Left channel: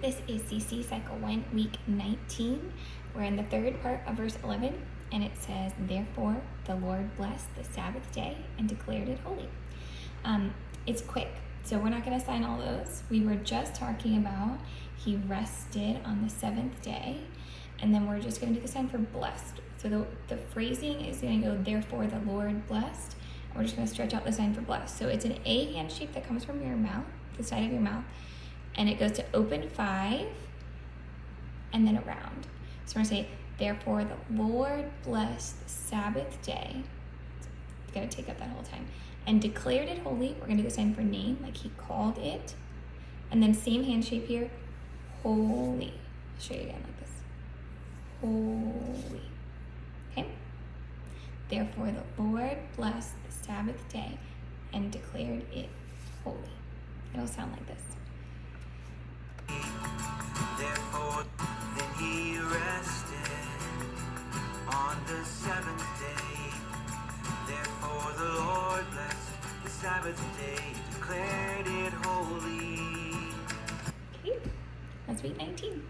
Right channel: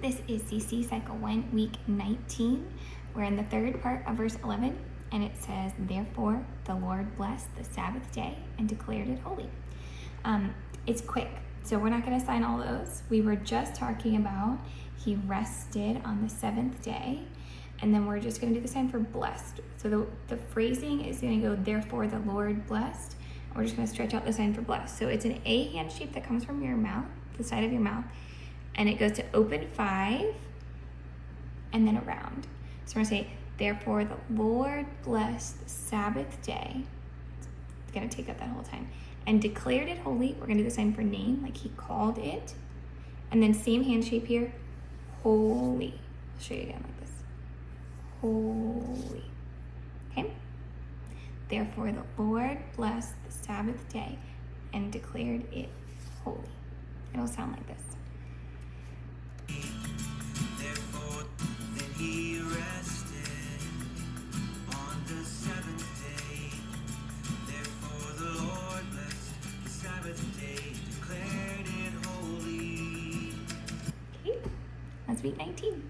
This is CC Cycle 1, Week 19. We're in the third part of verse 11, and it says, "Therefore the Lord blessed the Sabbath day and declared it holy." It's quick, so we're not going to assign all those. We were just talking about He rested on the seventh day, and then we're just going to do the sign for blessed. So the phrasing is going to go, "Therefore the Lord blessed." And we're just going to stretch out the sign for blessed. So it's an A hand shape that comes from your mouth, the side of your mouth, and it goes to open 5 and then around. So we're going to say, "Therefore the Lord blessed the Sabbath day." It's going to take up that whole time. "And declared it holy." We're going to do the sign for name, like He called it. And then same hand shape here, holy. I'll show you again like this. Holy. Okay? "Therefore the Lord blessed the Sabbath day and declared it holy." It'll sound like this. Therefore He rested on the seventh day. Therefore the Lord blessed the Sabbath day, declared it holy. Okay, that's week 19.